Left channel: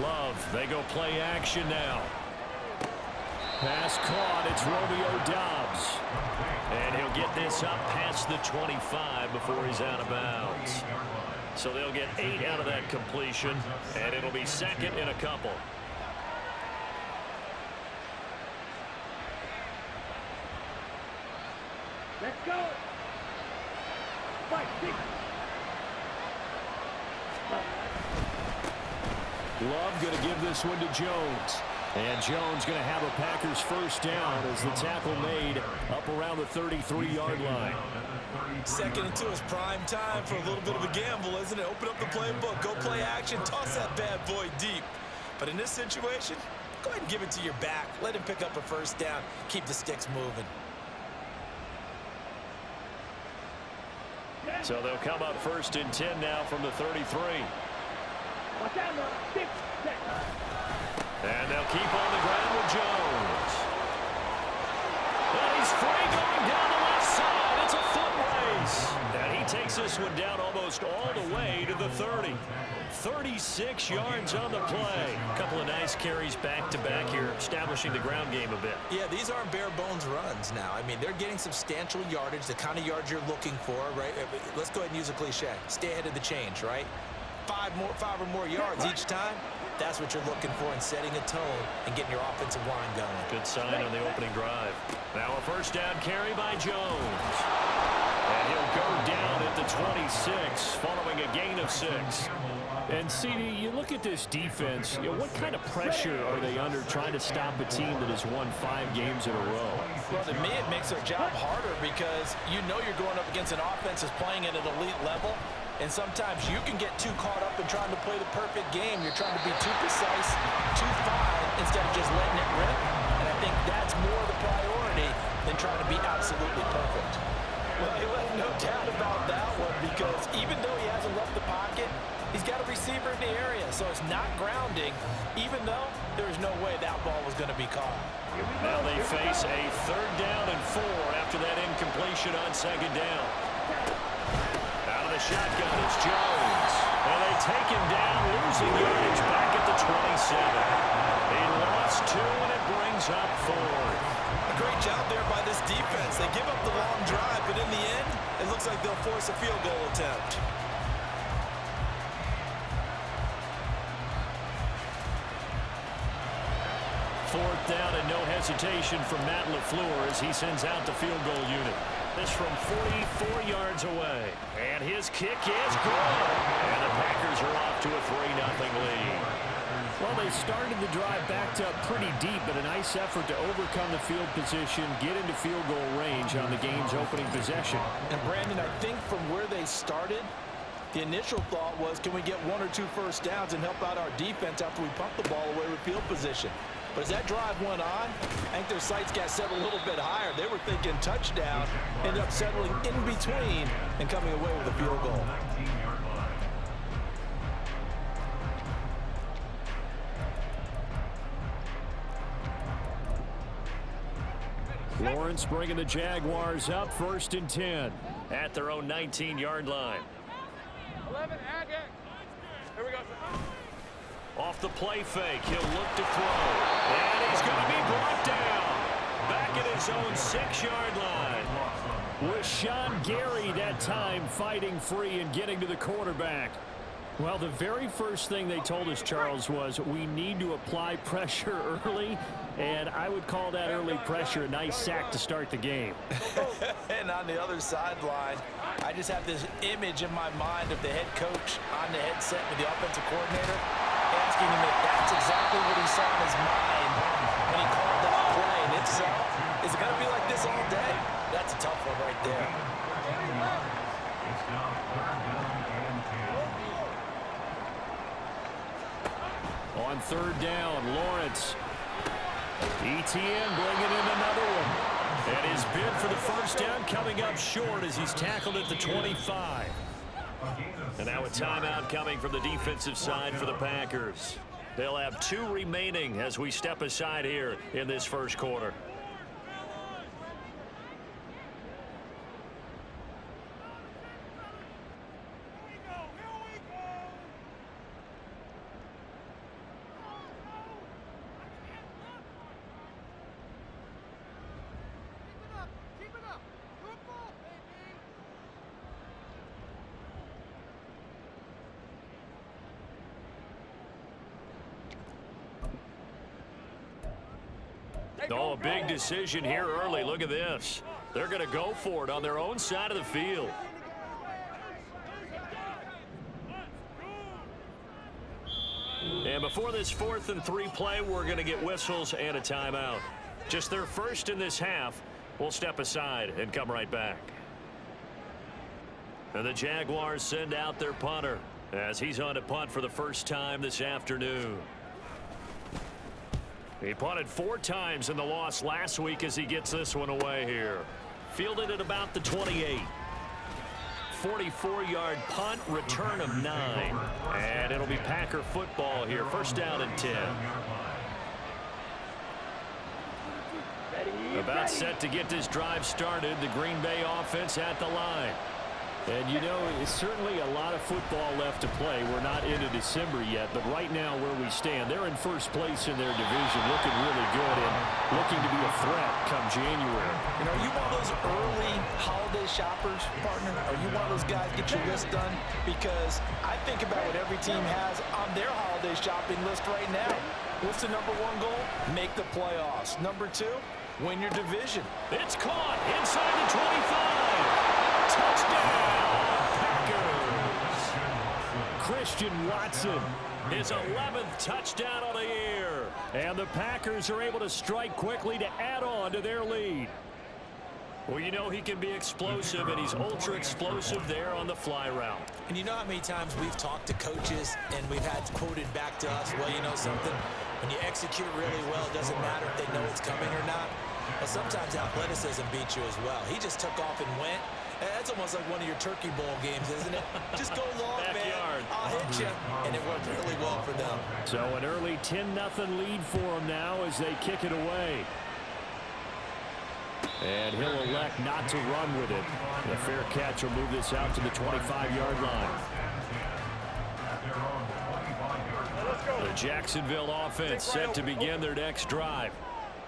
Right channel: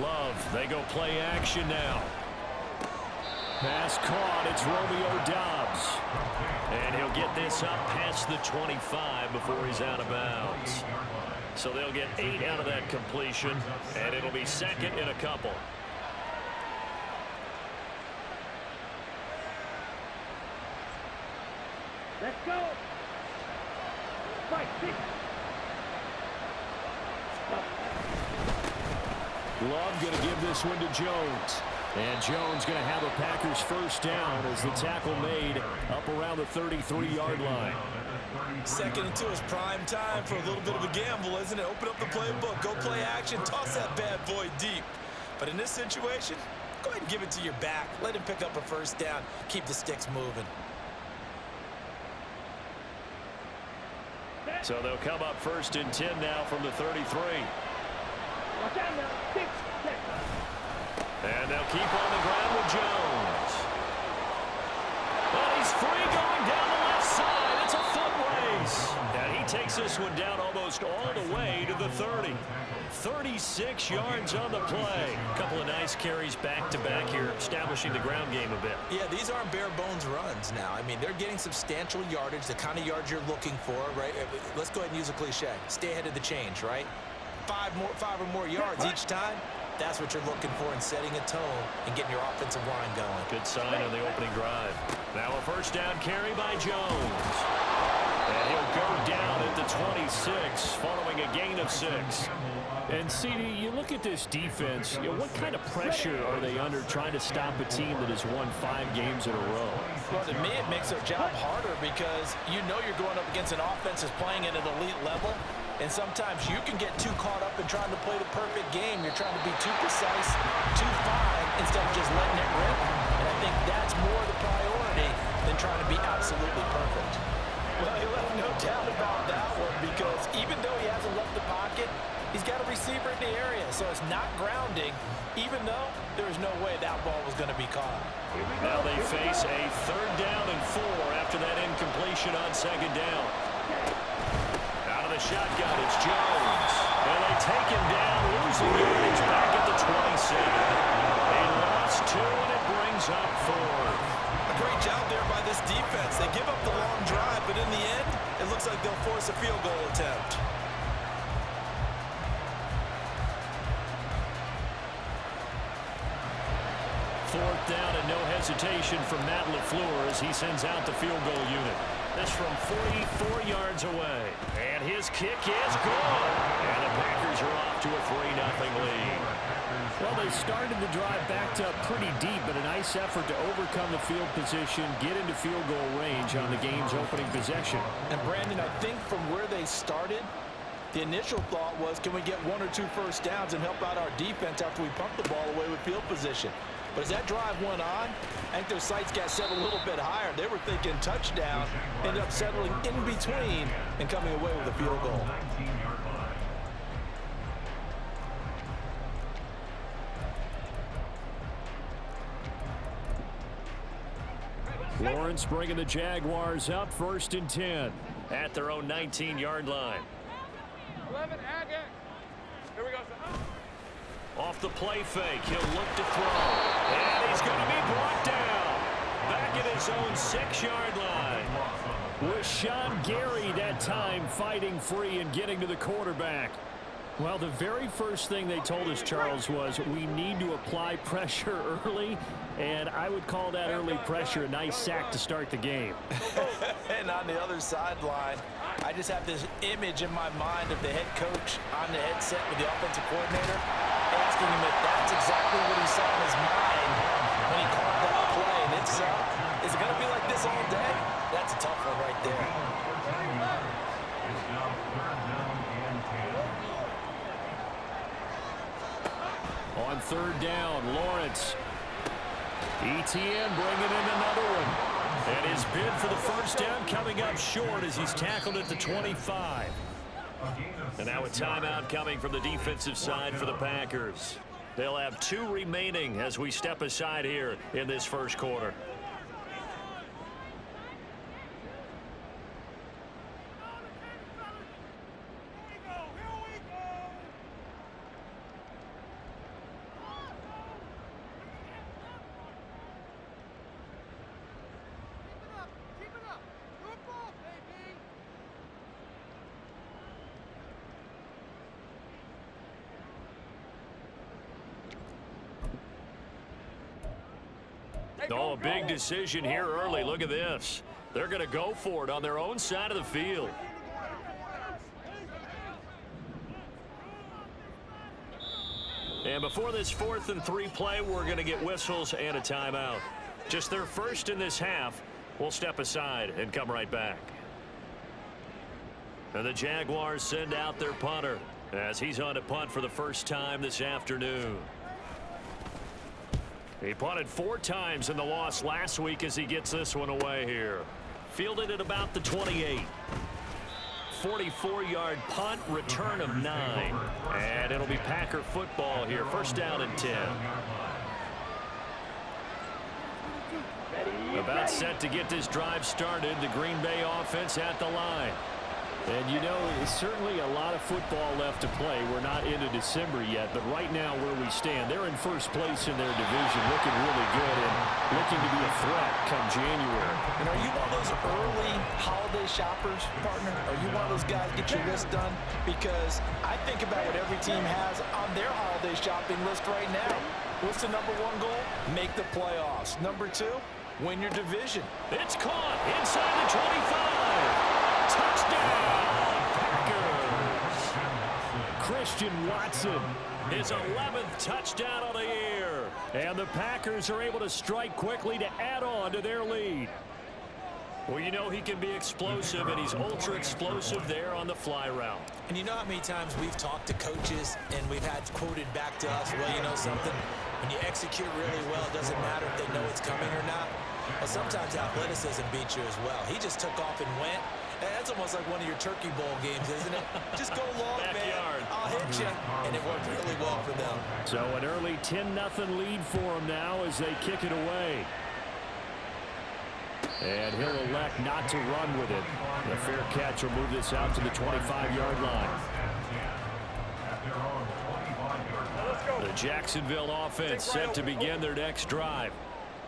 Love, they go play action now. Pass caught, it's Romeo Doubs. And he'll get this up past the 25 before he's out of bounds. So they'll get 8 out of that completion, and it'll be second in a couple. Let's go. 5, 6. Love going to give this one to Jones. And Jones going to have a Packers first down as the tackle made up around the 33-yard line. 2nd and 2 is prime time for a little bit of a gamble, isn't it? Open up the playbook, go play action, toss that bad boy deep. But in this situation, go ahead and give it to your back. Let him pick up a first down. Keep the sticks moving. So they'll come up 1st and 10 now from the 33. Watch out now. 6, 6. And they'll keep on the ground with Jones. But he's free going down the left side. It's a foot race. And he takes this one down almost all the way to the 30. 36 yards on the play. A couple of nice carries back-to-back here, establishing the ground game a bit. Yeah, these aren't bare-bones runs now. I mean, they're getting substantial yardage, the kind of yards you're looking for, right? Let's go ahead and use a cliche. Stay ahead of the change, right? 5 or more yards each time. That's what you're looking for in setting a tone and getting your offensive line going. Good sign on the opening drive. Now a first down carry by Jones. And he'll go down at the 26 following a gain of 6. And, CD, you look at this defense, what kind of pressure are they under trying to stop a team that has won 5 games in a row? Well, to me, it makes their job harder because you know you're going up against an offense that's playing at an elite level. And sometimes you can get too caught up in trying to play the perfect game. You're trying to be too precise, too fine, instead of just letting it rip. And I think that's more the priority than trying to be absolutely perfect. Well, he left no doubt about that one because even though he hasn't left the pocket, he's got a receiver in the area. So it's not grounding, even though there is no way that ball was going to be caught. Now they face a 3rd down and 4 after that incompletion on 2nd down. Out of the shotgun, it's Jones. And they take him down, losing yardage back at the 27. They lost 2, and it brings up 4th. A great job there by this defense. They give up the long drive, but in the end, it looks like they'll force a field goal attempt. Fourth down and no hesitation from Matt LaFleur as he sends out the field goal unit. This from 44 yards away. And his kick is good. And the Packers are off to a 3-0 lead. Well, they started the drive backed up pretty deep, but a nice effort to overcome the field position, get into field goal range on the game's opening possession. And, Brandon, I think from where they started, the initial thought was, can we get 1 or 2 first downs and help out our defense after we pump the ball away with field position? But as that drive went on, I think their sights got set a little bit higher. They were thinking touchdown, ended up settling in between and coming away with a field goal. Lawrence bringing the Jaguars up 1st and 10 at their own 19-yard line. 11, Agate. Here we go. Off the play fake, he'll look to throw. And he's going to be brought down. Back at his own 6-yard line. With Sean Gary that time fighting free and getting to the quarterback. Well, the very first thing they told us, Charles, was we need to apply pressure early, and I would call that early pressure a nice sack to start the game. And on the other sideline, I just have this image in my mind of the head coach on the headset with the offensive coordinator asking him if that's exactly what he saw in his mind when he called that play. And if so, is it going to be like this all day? That's a tough one right there. It's now 3rd down and 10. On 3rd down, Lawrence. ETN bringing in another one. And his bid for the first down coming up short as he's tackled at the 25. And now a timeout coming from the defensive side for the Packers. They'll have 2 remaining as we step aside here in this first quarter. Oh, a big decision here early. Look at this. They're going to go for it on their own side of the field. And before this 4th and 3 play, we're going to get whistles and a timeout. Just their first in this half. We'll step aside and come right back. And the Jaguars send out their punter as he's on to punt for the first time this afternoon. He punted 4 times in the loss last week as he gets this one away here. Fielded at about the 28. 44-yard punt, return of 9. And it'll be Packer football here. First down and 10. About set to get this drive started. The Green Bay offense at the line. And, you know, it's certainly a lot of football left to play. We're not into December yet, but right now where we stand, they're in first place in their division, looking really good and looking to be a threat come January. You know, are you one of those early holiday shoppers, partner? Are you one of those guys get your list done? Because I think about what every team has on their holiday shopping list right now. What's the number 1 goal? Make the playoffs. Number 2, win your division. It's caught inside the 25. Touchdown, Packers. Christian Watson, his 11th touchdown of the year. And the Packers are able to strike quickly to add on to their lead. Well, you know he can be explosive, and he's ultra explosive there on the fly route. And you know how many times we've talked to coaches and we've had quoted back to us, well, you know something, when you execute really well, it doesn't matter if they know it's coming or not. Well, sometimes athleticism beats you as well. He just took off and went. That's almost like one of your Turkey Bowl games, isn't it? Just go long, Backyard. man. I'll hit you. And it worked really well for them. So an early 10-0 lead for them now as they kick it away. And he'll elect not to run with it. The fair catch will move this out to the 25-yard line. The Jacksonville offense set to begin their next drive.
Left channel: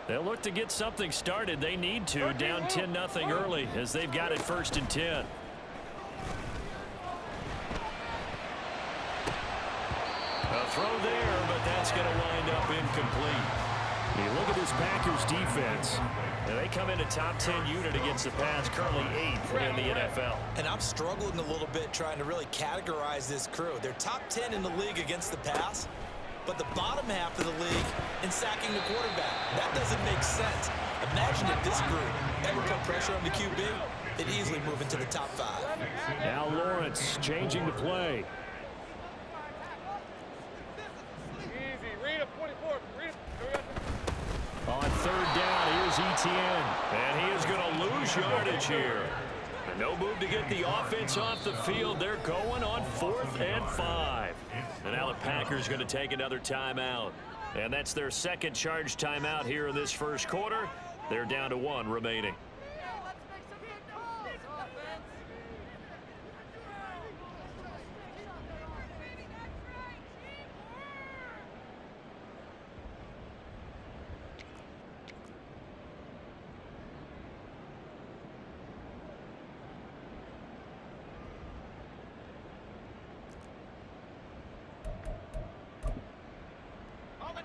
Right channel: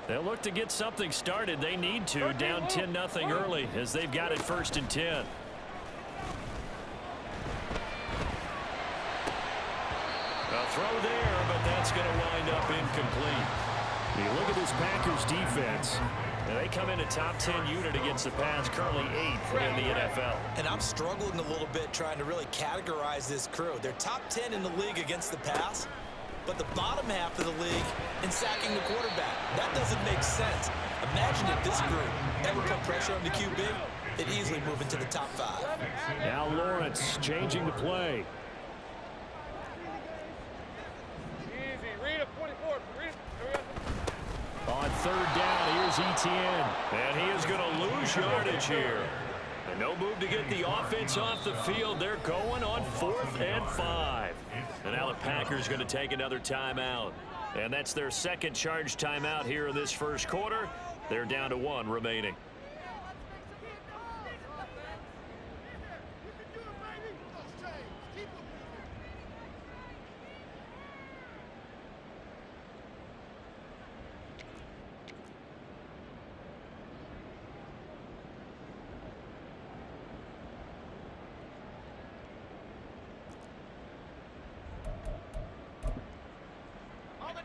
They'll look to get something started. They need to, down 10-0 early as they've got it 1st and 10. A throw there, but that's going to wind up incomplete. You look at this Packers defense, and they come in a top 10 unit against the pass, currently 8th in the NFL. And I'm struggling a little bit trying to really categorize this crew. They're top 10 in the league against the pass, but the bottom half of the league in sacking the quarterback. That doesn't make sense. Imagine if this group ever put pressure on the QB, they'd easily move into the top 5. Now Lawrence changing the play. Easy. Read up 24. Read. Here we go. On 3rd down, here's Etienne. And he is going to lose yardage here. And no move to get the offense off the field. They're going on 4th and 5. And now the Packers going to take another timeout. And that's their second charge timeout here in this first quarter. They're down to 1 remaining.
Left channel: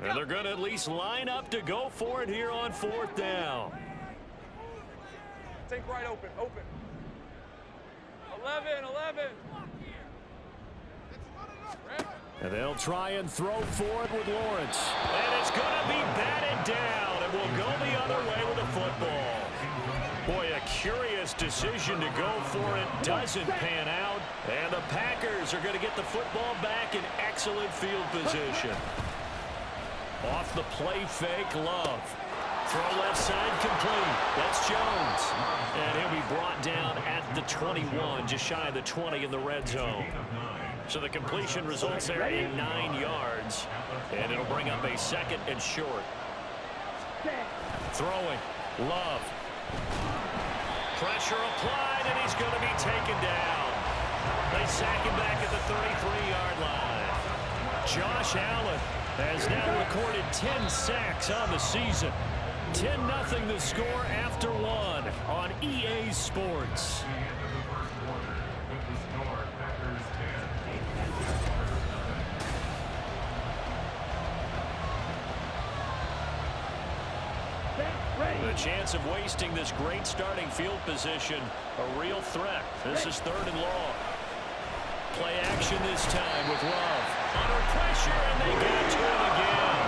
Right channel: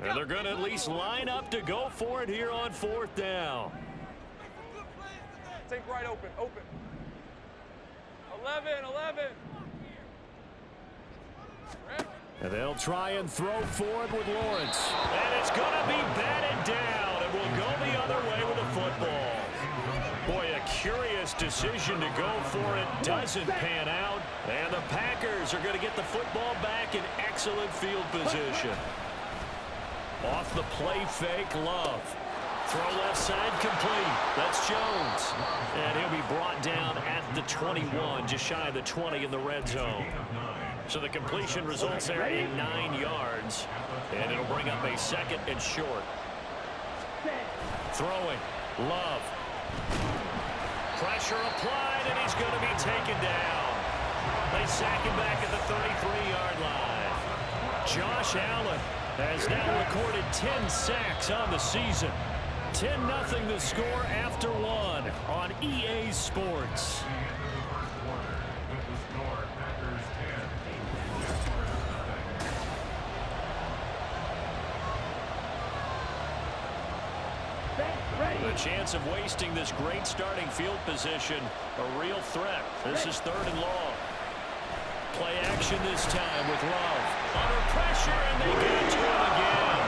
And they're going to at least line up to go for it here on 4th down. Take right open. Open. 11. And they'll try and throw for it with Lawrence. And it's going to be batted down. And will go the other way with the football. Boy, a curious decision to go for it. Doesn't pan out. And the Packers are going to get the football back in excellent field position. Off the play fake, Love. Throw left side complete. That's Jones. And he'll be brought down at the 21, just shy of the 20 in the red zone. So the completion results there in 9 yards. And it'll bring up a 2nd and short. Throwing. Love. Pressure applied, and he's going to be taken down. They sack him back at the 33-yard line. Josh Allen has now recorded 10 sacks on the season. 10-0 the score after 1 on EA Sports. The chance of wasting this great starting field position, a real threat. This is 3rd and long. Play action this time with Love. Under pressure, and they got to him again.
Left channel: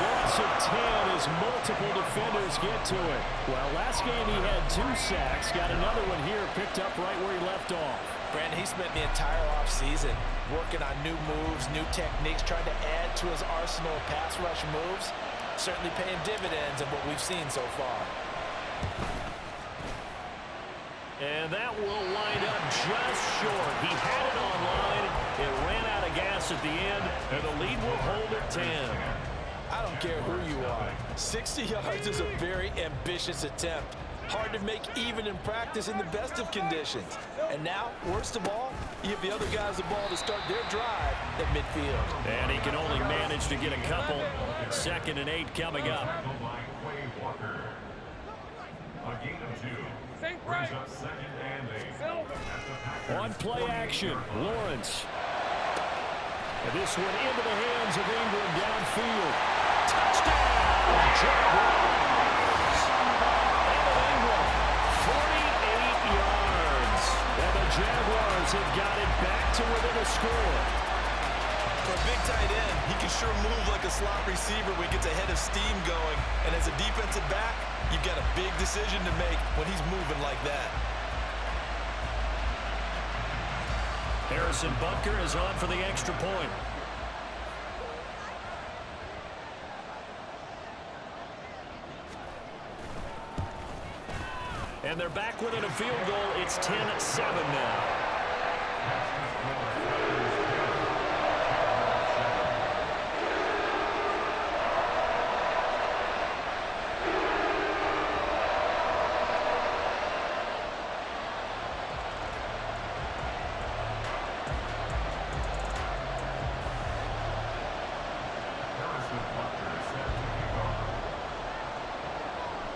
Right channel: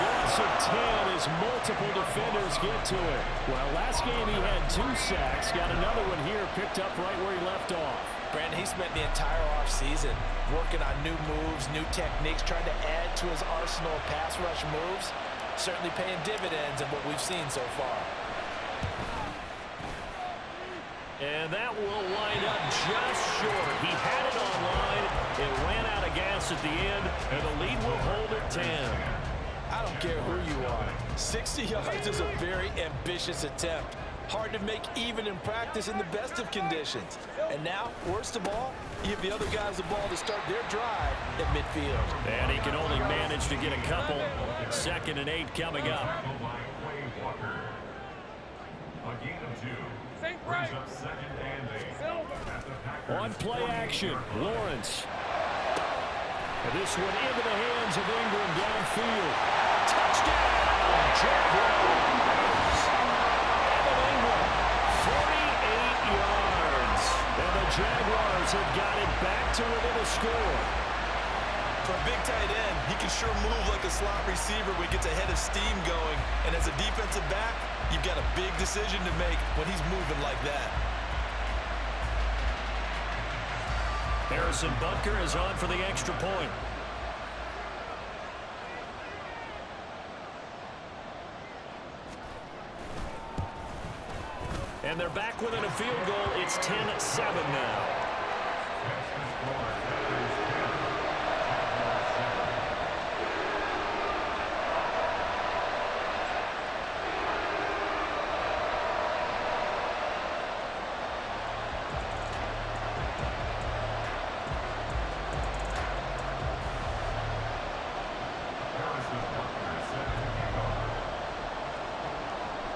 Loss of 10 as multiple defenders get to it. Well, last game he had 2 sacks. Got another one here, picked up right where he left off. Brandon, he spent the entire offseason working on new moves, new techniques, trying to add to his arsenal of pass rush moves. Certainly paying dividends in what we've seen so far. And that will wind up just short. He had it on line. It ran out of gas at the end, and the lead will hold at 10. I don't care who you are. 60 yards is a very ambitious attempt. Hard to make even in practice in the best of conditions. And now, worst of all, you give the other guys the ball to start their drive at midfield. And he can only manage to get a couple. 2nd and 8 coming up. A gain of 2. Brings up 2nd and 8. On play action, Lawrence. And this one into the hands of Ingram downfield. Touchdown, Jaguars. Evan Ingram, 48 yards. And the Jaguars have got it back to within a score. For a big tight end, he can sure move like a slot receiver when he gets a head of steam going. And as a defensive back, you've got a big decision to make when he's moving like that. Harrison Butker is on for the extra point. And they're back within a field goal. It's 10-7 now.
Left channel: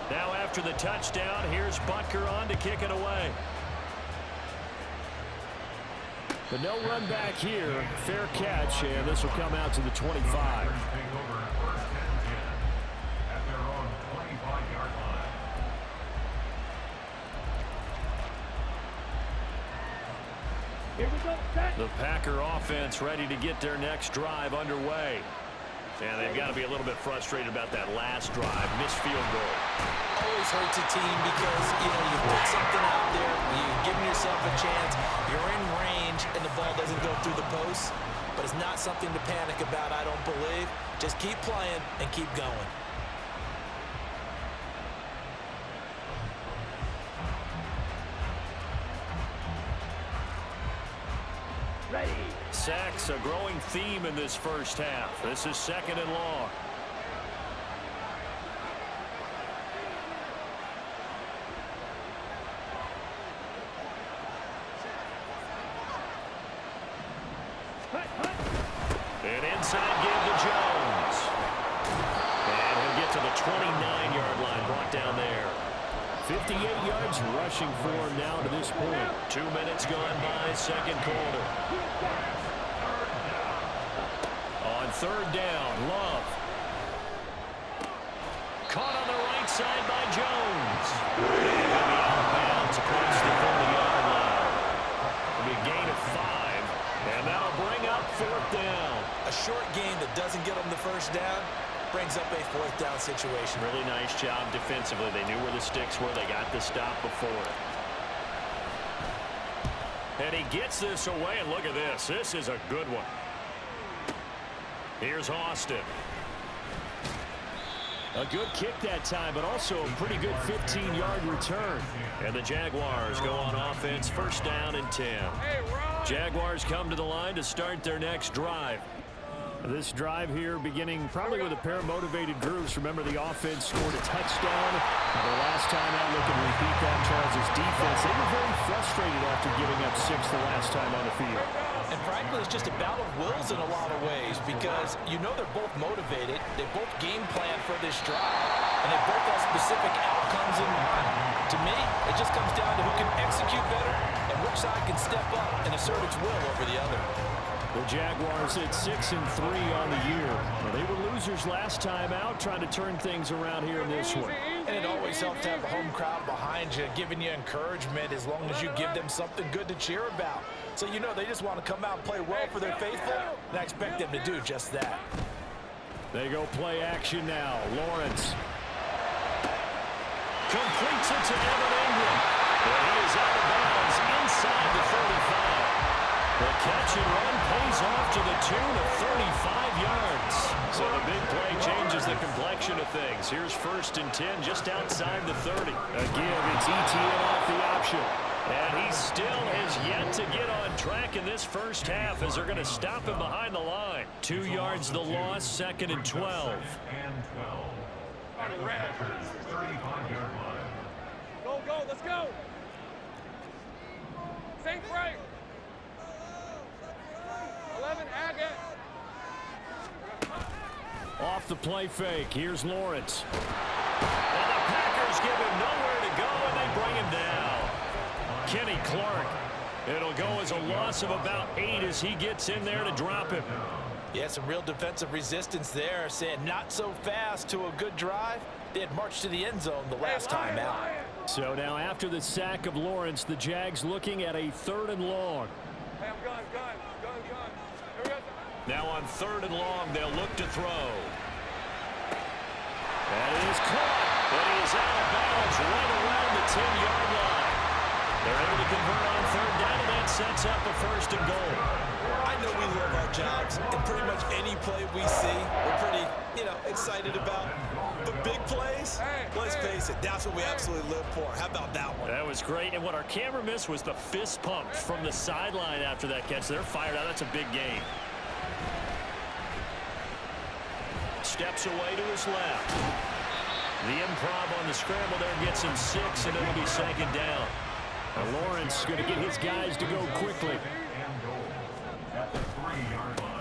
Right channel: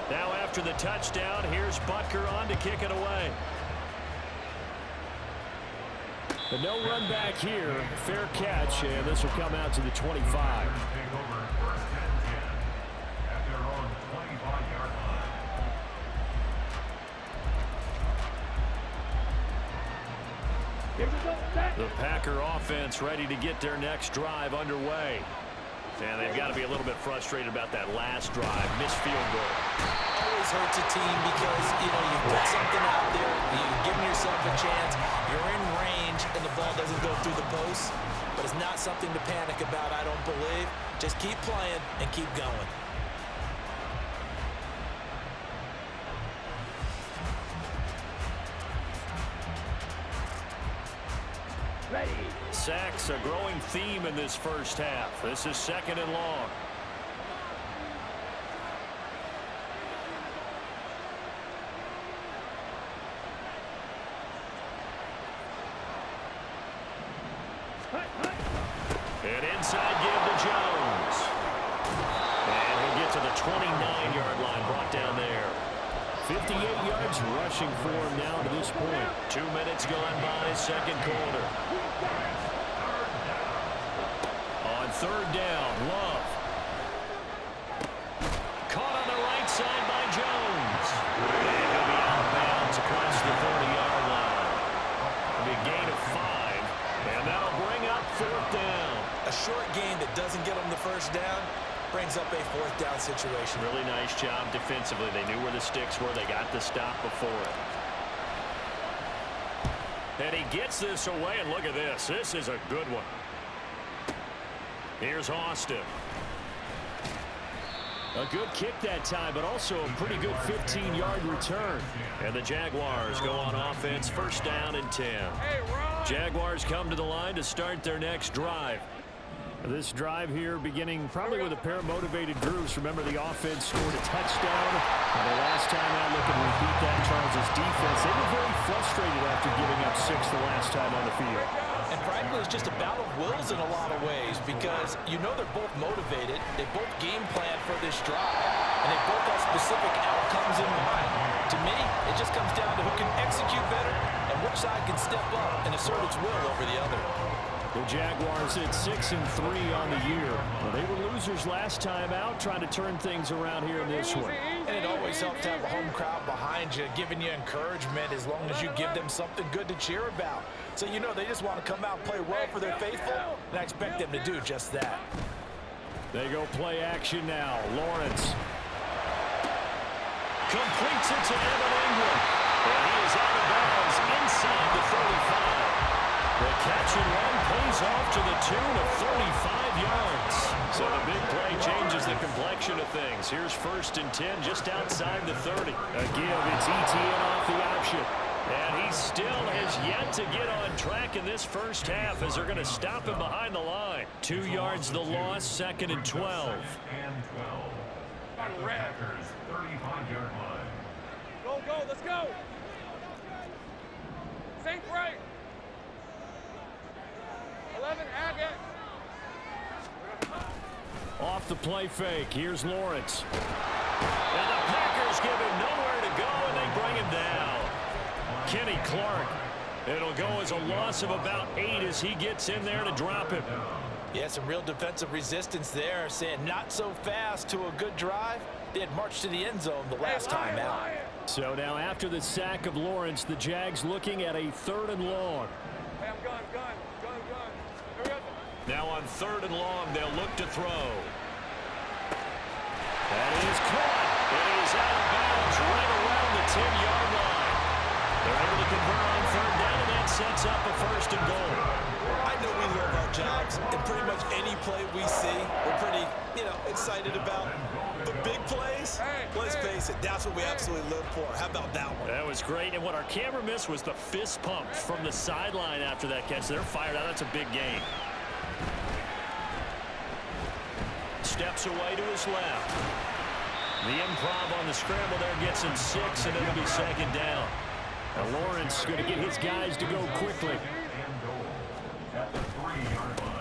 Now after the touchdown, here's Butker on to kick it away. The no run back here, fair catch, and this will come out to the 25. Take over 1st and 10 at their own 25-yard line. Here we go. Set. The Packer offense ready to get their next drive underway. And they've got to be a little bit frustrated about that last drive, missed field goal. Always hurts a team because, you know, you put something out there, you've given yourself a chance, you're in range, and the ball doesn't go through the post. But it's not something to panic about, I don't believe. Just keep playing and keep going. Ready. Sacks, a growing theme in this first half. This is 2nd and long. An inside give to Jones. And he'll get to the 29-yard line, brought down there. 58 yards rushing for him now to this point. 2 minutes gone by, 2nd quarter. On 3rd down, Love. Caught on the right side by Jones. And he'll be out of bounds across the 40-yard line. It'll be a gain of 5, and that'll bring up 4th down. A short game that doesn't get them the first down brings up a 4th down situation. Really nice job defensively. They knew where the sticks were. They got the stop before it. And he gets this away, and look at this. This is a good one. Here's Austin. A good kick that time, but also a pretty good 15-yard return. And the Jaguars go on offense, 1st down and 10. Hey, Ron. Jaguars come to the line to start their next drive. This drive here beginning probably with a pair of motivated groups. Remember, the offense scored a touchdown. Their last time out, looking to repeat that in Charles' defense. They were very frustrated after giving up 6 the last time on the field. And frankly, it's just a battle of wills in a lot of ways because you know they're both motivated. They both game plan for this drive, and they both have specific outcomes in mind. To me, it just comes down to who can execute better and which side can step up and assert its will over the other. The Jaguars at 6-3 on the year. Well, they were losers last time out, trying to turn things around here in this one. And it always helps to have a home crowd behind you, giving you encouragement as long as you give them something good to cheer about. So you know they just want to come out and play well for their faithful, and I expect them to do just that. They go play action now. Lawrence completes it to Evan Ingram. And he is out of bounds inside the 35. The catch and run pays off to the tune of 35 yards. So the big play changes the complexion of things. Here's 1st and 10 just outside the 30. A give, it's ETN off the option. And he still has yet to get on track in this first half as they're going to stop him behind the line. 2 yards the loss, 2nd and 12. And 12. At the Packers' 35-yard line. Go, go, let's go. Safe right. 11, Agate. Off the play fake. Here's Lawrence. And the Packers give him nowhere to go, and they bring him down. Kenny Clark. It'll go as a loss of about 8 as he gets in there to drop him. Yeah, some real defensive resistance there, saying not so fast to a good drive. They had marched to the end zone the last time out. So now after the sack of Lawrence, the Jags looking at a 3rd and long. Hey, I'm gun. Here we go. Now on 3rd and long, they'll look to throw. That is caught, and he is out of bounds right around the 10-yard line. They're able to convert on 3rd down, and that sets up a 1st and goal. I know we love our jobs, and pretty much any play we see, we're pretty, excited about. But big plays, let's face it, that's what we absolutely live for. How about that one? That was great, and what our camera missed was the fist pump from the sideline after that catch. They're fired out. That's a big gain. Steps away to his left. The improv on the scramble there gets him 6, and it'll be 2nd down. Now Lawrence going to get his guys to go quickly.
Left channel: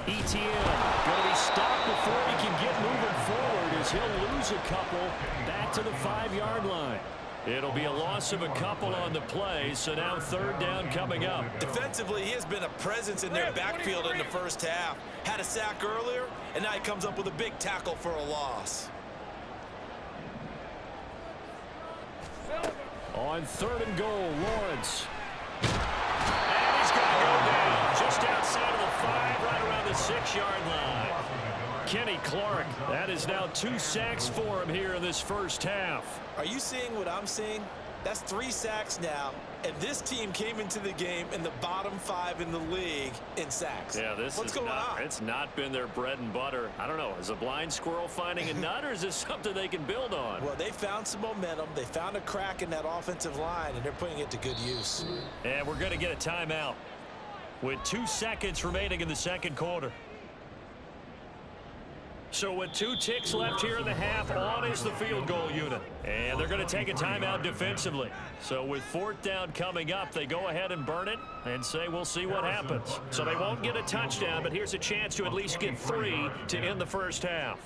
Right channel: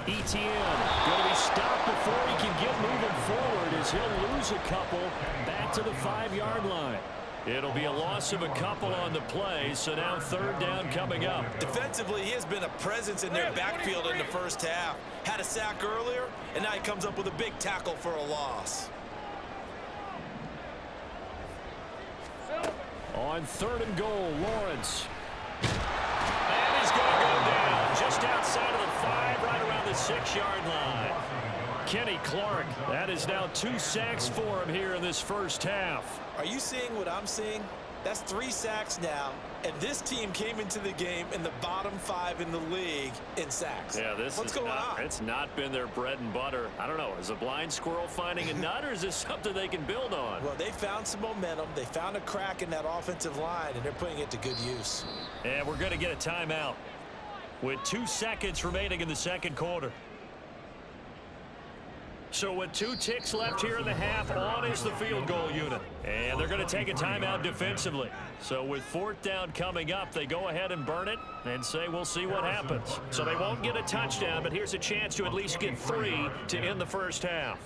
ETN going to be stopped before he can get moving forward as he'll lose a couple back to the 5-yard line. It'll be a loss of a couple on the play, so now 3rd down coming up. Defensively, he has been a presence in their backfield in the first half. Had a sack earlier, and now he comes up with a big tackle for a loss. On 3rd and goal, Lawrence. And he's going to go down just outside of the 5, right around the 6-yard line. Kenny Clark, that is now 2 sacks for him here in this first half. Are you seeing what I'm seeing? That's 3 sacks now, and this team came into the game in the bottom 5 in the league in sacks. Yeah, what's going on? It's not been their bread and butter. I don't know. Is a blind squirrel finding a nut, or is this something they can build on? Well, they found some momentum. They found a crack in that offensive line, and they're putting it to good use. And we're going to get a timeout with 2 seconds remaining in the 2nd quarter. So with 2 ticks left here in the half, on is the field goal unit. And they're going to take a timeout defensively. So with 4th down coming up, they go ahead and burn it and say we'll see what happens. So they won't get a touchdown, but here's a chance to at least get 3 to end the first half.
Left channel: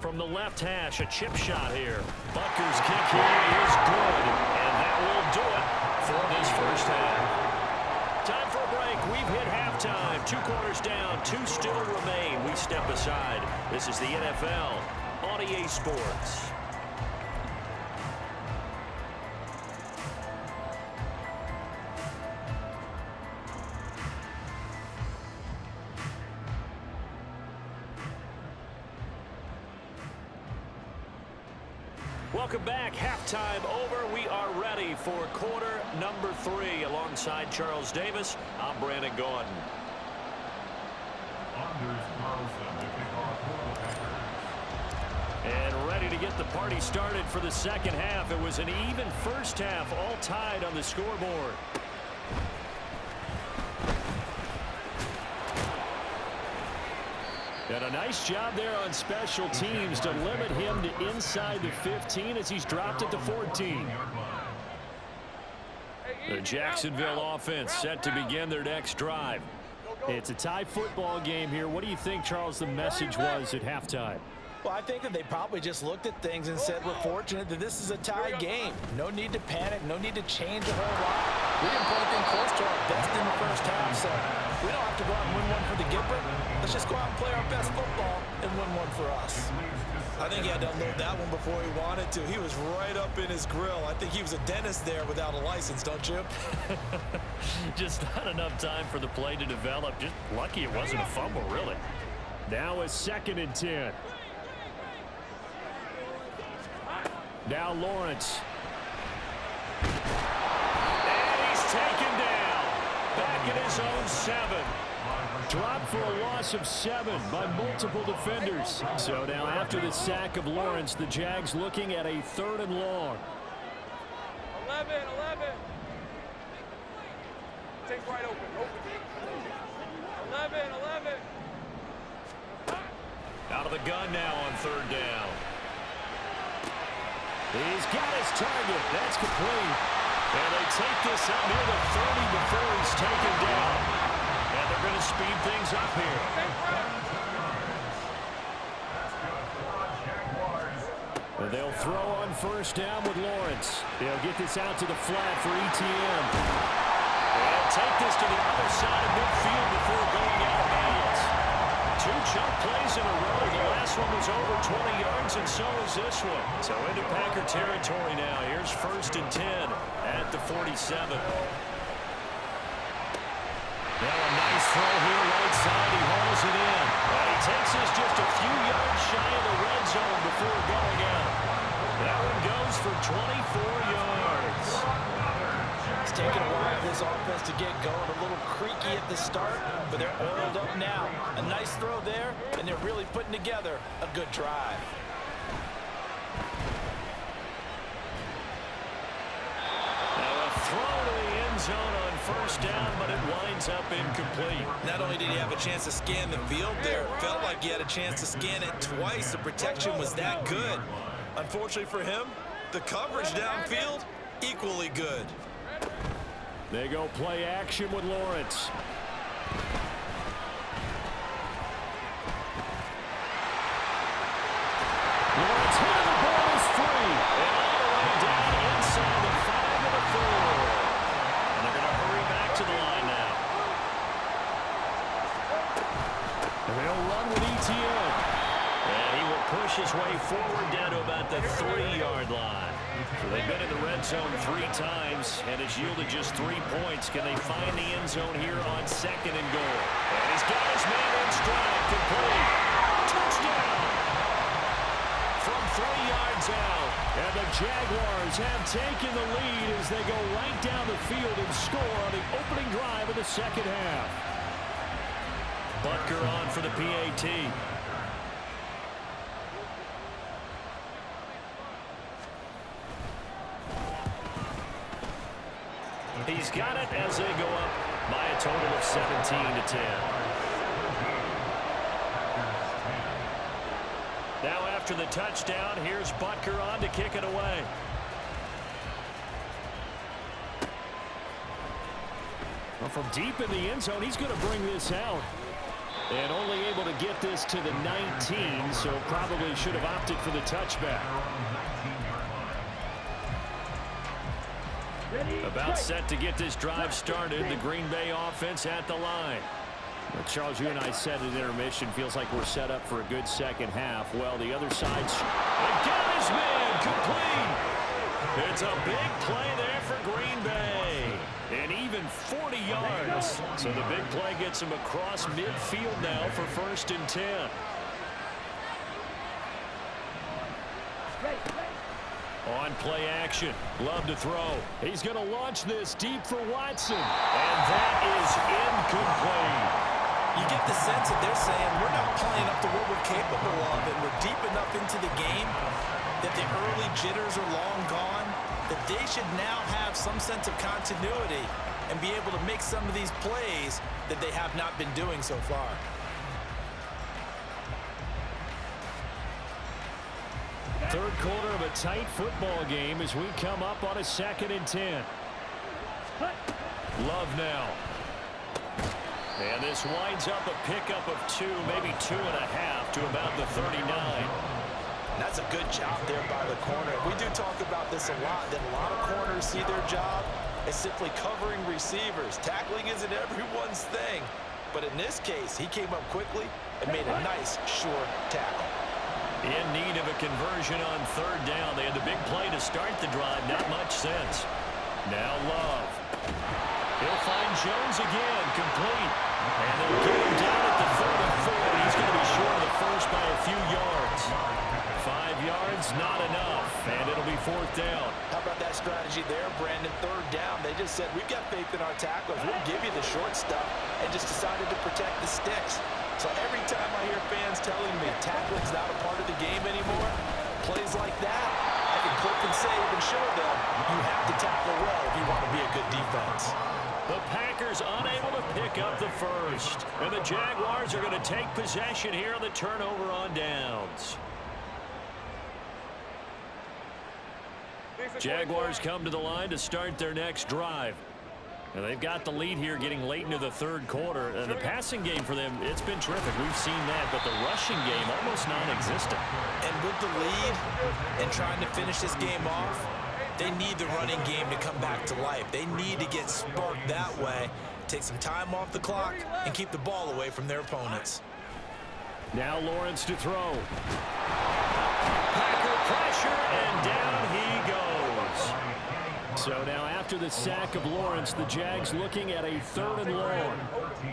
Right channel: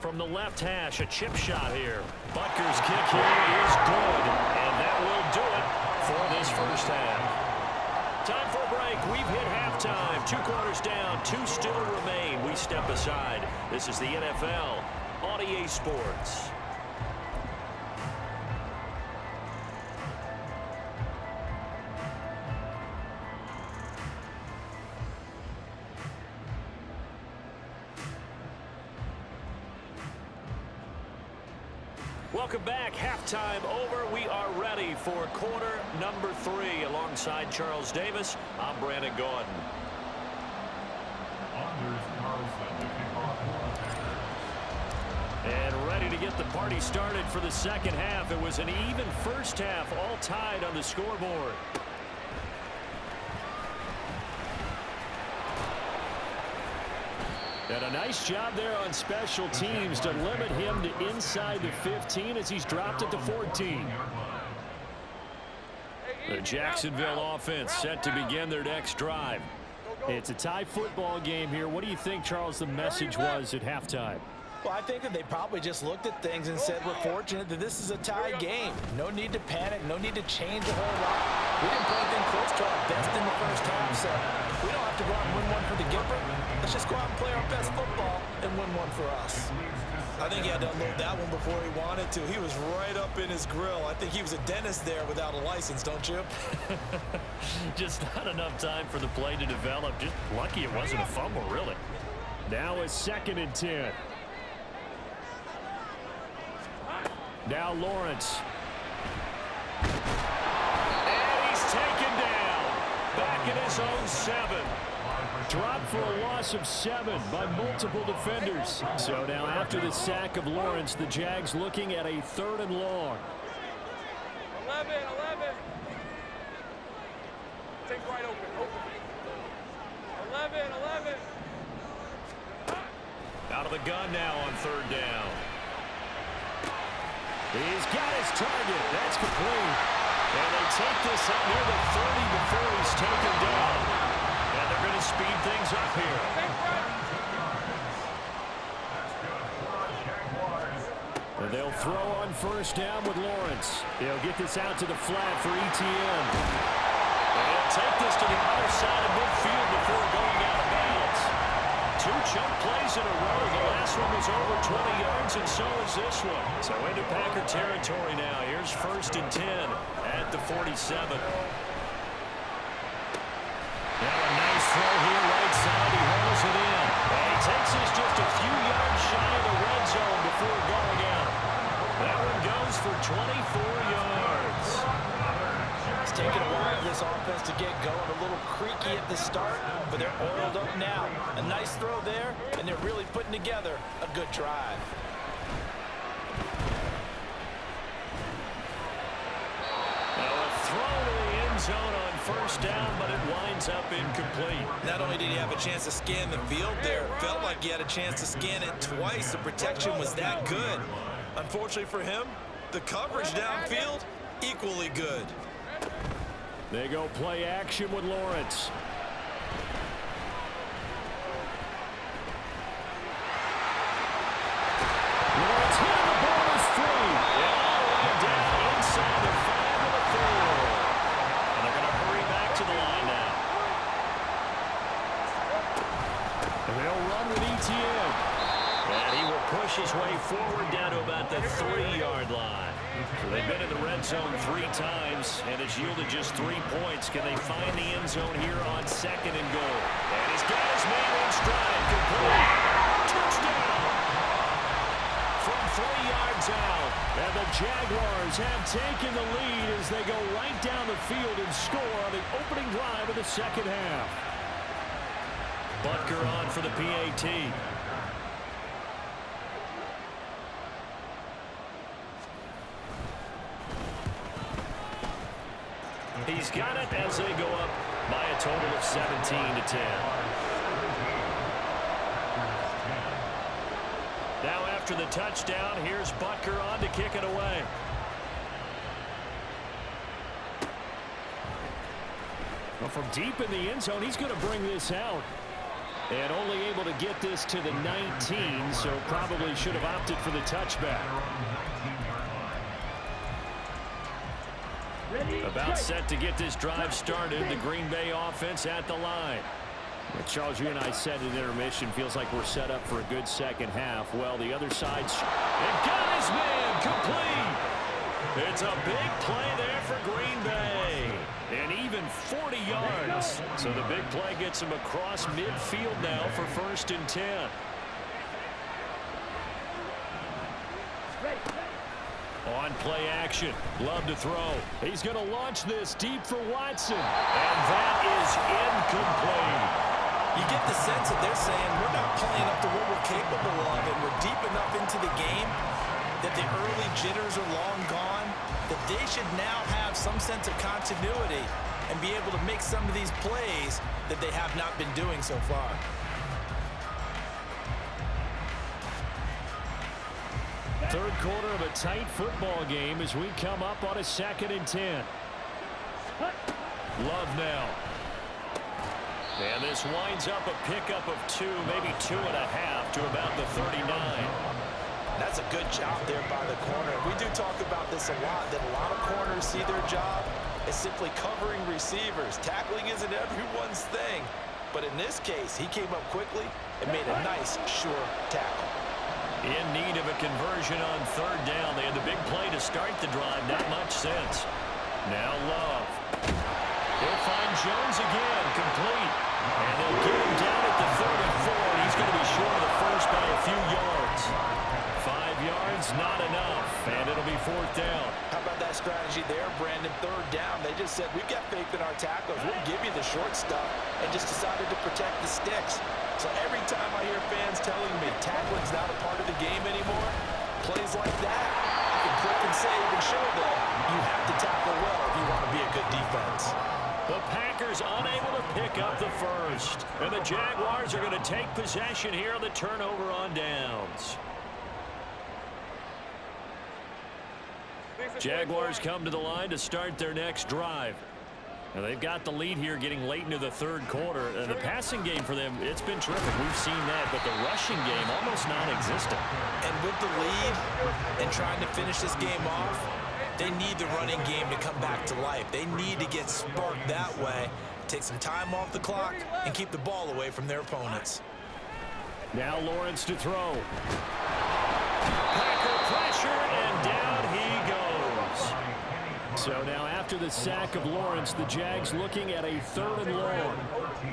From the left hash, a chip shot here. Butker's kick here is good, and that will do it for this first half. Time for a break. We've hit halftime. 2 quarters down. 2 still remain. We step aside. This is the NFL on EA Sports. Welcome back. Halftime over. We are ready for quarter number 3. Alongside Charles Davis, I'm Brandon Gordon. Anders Carlson to kick off for the Packers. And ready to get the party started for the second half. It was an even first half, all tied on the scoreboard. And a nice job there on special teams to limit him to inside the 15 as he's dropped it to 14. The Jacksonville offense set to begin their next drive. It's a tie football game here. What do you think, Charles, the message was at halftime? Well, I think that they probably just looked at things and said, we're fortunate that this is a tie game. No need to panic, no need to change a whole lot. We didn't play anything close to our best in the first half, so we don't have to go out and win one for the Gipper. Let's just go out and play our best football and win one for us. I think he had to unload that one before he wanted to. He was right up in his grill. I think he was a dentist there without a license, don't you? Just not enough time for the play to develop. Just lucky it wasn't a fumble, really. Now a 2nd and 10. Now Lawrence. And he's taken down. Back at his own 7. Dropped for a loss of 7 by multiple defenders. So now after the sack of Lawrence, the Jags looking at a 3rd and long. 11. Take right open. 11. Out of the gun now on 3rd down. He's got his target. That's complete. And they take this up near the 30 before he's taken down. And they're going to speed things up here. And they'll throw on 1st down with Lawrence. They'll get this out to the flat for ETN. And take this to the other side of midfield before going out of bounds. 2 chunk plays in a row. The last one was over 20 yards, and so is this one. So into Packer territory now. Here's 1st and 10 at the 47. Now a nice throw here right side. He hauls it in. And he takes this just a few yards shy of the red zone before going out. That one goes for 24 yards. It's taken a while for this offense to get going. A little creaky at the start, but they're oiled up now. A nice throw there, and they're really putting together a good drive. Now a throw to the end zone on 1st down, but it winds up incomplete. Not only did he have a chance to scan the field there, it felt like he had a chance to scan it twice. The protection was that good. Unfortunately for him, the coverage downfield, equally good. They go play action with Lawrence. Lawrence hitting the ball is free. And all the way down inside the 5 of the 4. And they're going to hurry back to the line now. And they'll run with ETN. And he will push his way forward down to about the 3-yard line. So they've been in the red zone 3 times and it's yielded just 3 points. Can they find the end zone here on 2nd and goal? And he's got his man in stride. Complete. Touchdown. From 3 yards out. And the Jaguars have taken the lead as they go right down the field and score on the opening drive of the 2nd half. Butker on for the PAT. He's got it as they go up by a total of 17-10. Now after the touchdown, here's Butker on to kick it away. Well, from deep in the end zone, he's going to bring this out. And only able to get this to the 19, so probably should have opted for the touchback. About set to get this drive started. The Green Bay offense at the line. But Charles, you and I said at intermission, feels like we're set up for a good 2nd half. Well, the other side's and got his man complete. It's a big play there for Green Bay. And even 40 yards. So the big play gets him across midfield now for 1st and 10. On play action. Love to throw. He's going to launch this deep for Watson. And that is incomplete. You get the sense that they're saying we're not playing up to what we're capable of, and we're deep enough into the game that the early jitters are long gone, that they should now have some sense of continuity and be able to make some of these plays that they have not been doing so far. Third quarter of a tight football game as we come up on a 2nd and 10. Love now. And this winds up a pickup of 2, maybe 2.5 to about the 39. That's a good job there by the corner. We do talk about this a lot, that a lot of corners see their job is simply covering receivers. Tackling isn't everyone's thing. But in this case, he came up quickly and made a nice, sure tackle. In need of a conversion on third down. They had the big play to start the drive. Not much sense. Now Love. He'll find Jones again, complete. And they'll get him down at the 34. He's going to be short of the first by a few yards. 5 yards, not enough. And it'll be fourth down. How about that strategy there, Brandon? Third down. They just said, we've got faith in our tacklers. We'll give you the short stuff, and just decided to protect the sticks. So every time I hear fans telling me tackling's not a part of the game anymore, plays like that, I can clip and save and show them you have to tackle well if you want to be a good defense. The Packers unable to pick up the first. And the Jaguars are going to take possession here on the turnover on downs. Jaguars come to the line to start their next drive. And they've got the lead here getting late into the third quarter. And the passing game for them, it's been terrific. We've seen that. But the rushing game, almost non-existent. And with the lead and trying to finish this game off, they need the running game to come back to life. They need to get sparked that way, take some time off the clock, and keep the ball away from their opponents. Now Lawrence to throw. Packer pressure, and down he goes. So now after the sack of Lawrence, the Jags looking at a 3rd and long.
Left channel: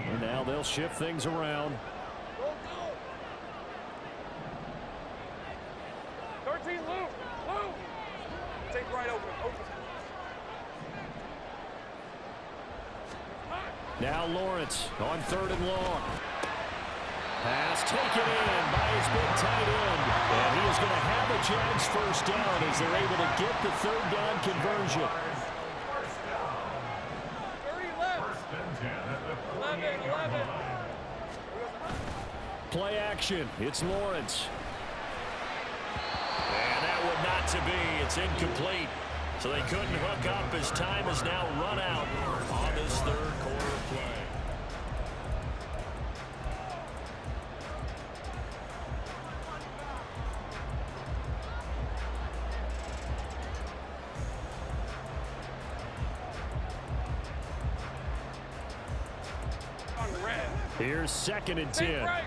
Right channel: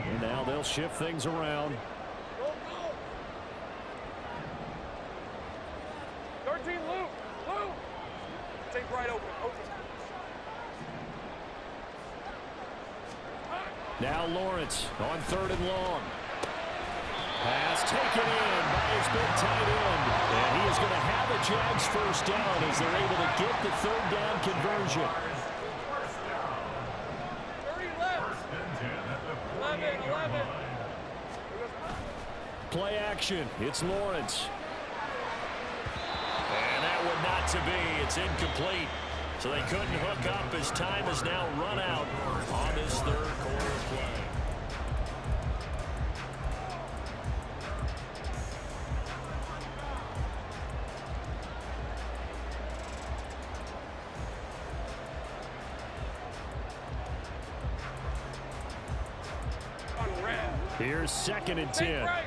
And now they'll shift things around. 13, Luke. Take right open. Now Lawrence on 3rd and long. Pass taken in by his big tight end. And he is going to have a Jags first down as they're able to get the 3rd down conversion. 30 left. 11. Play action. It's Lawrence. And that would not to be. It's incomplete. So they couldn't hook up as time is now run out on this third quarter play. Here's 2nd and 10. 11.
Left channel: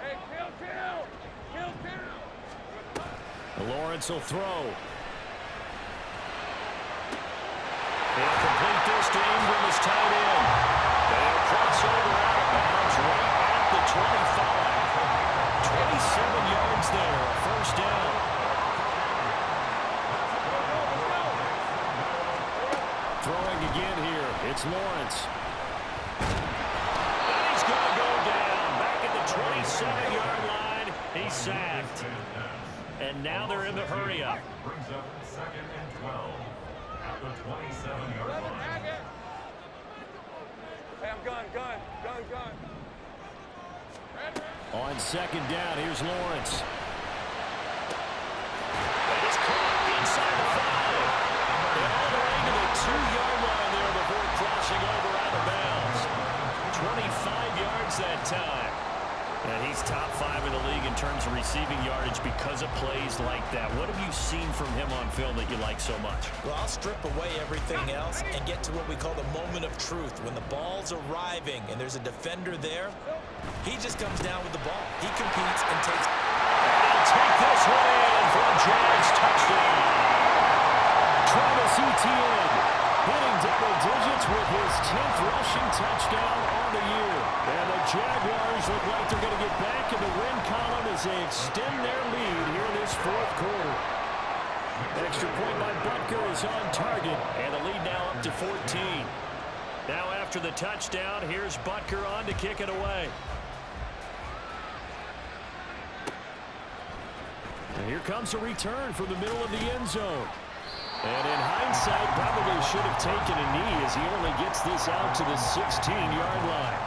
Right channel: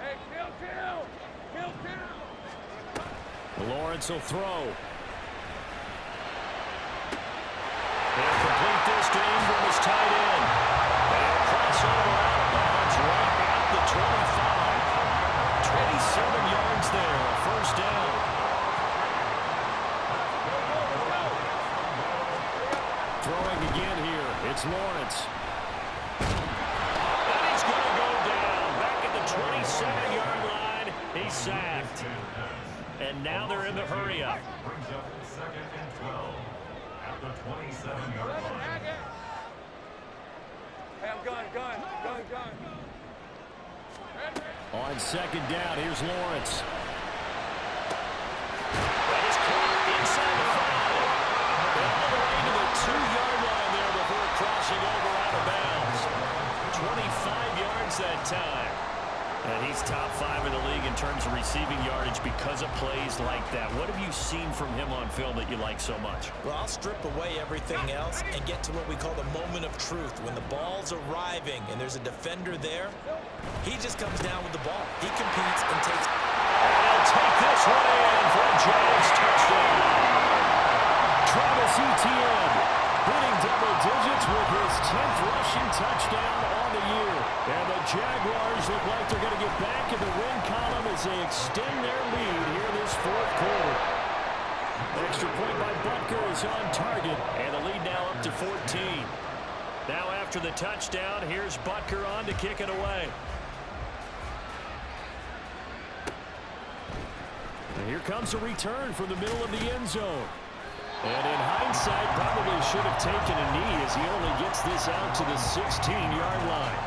Hey, kill. Lawrence will throw. They'll complete this to Ingram as tight end. They'll cross over out of bounds right at the 25. 27 yards there, a first down. Throwing again here, it's Lawrence. And he's going to go down back at the 27-yard line. He's sacked. And now they're in the hurry-up. Brings up 2nd and 12 at the 27-yard line. Hey, I'm gun. On 2nd down, here's Lawrence. That is caught inside the 5. And all the way to the 2-yard line there before crossing over out of bounds. 25 yards that time. And he's top 5 in the league in terms of receiving yardage because of plays like that. What have you seen from him on film that you like so much? Well, I'll strip away everything else and get to what we call the moment of truth. When the ball's arriving and there's a defender there, he just comes down with the ball. He competes and takes. And he'll take this one in for a Jags touchdown. Travis Etienne hitting double digits with his 10th rushing touchdown on the year. And the Jaguars look like they're going to get back in the win column as they extend their lead here in this 4th quarter. Extra point by Butker is on target, and the lead now up to 14. Now after the touchdown, here's Butker on to kick it away. And here comes a return from the middle of the end zone. And in hindsight, probably should have taken a knee as he only gets this out to the 16-yard line.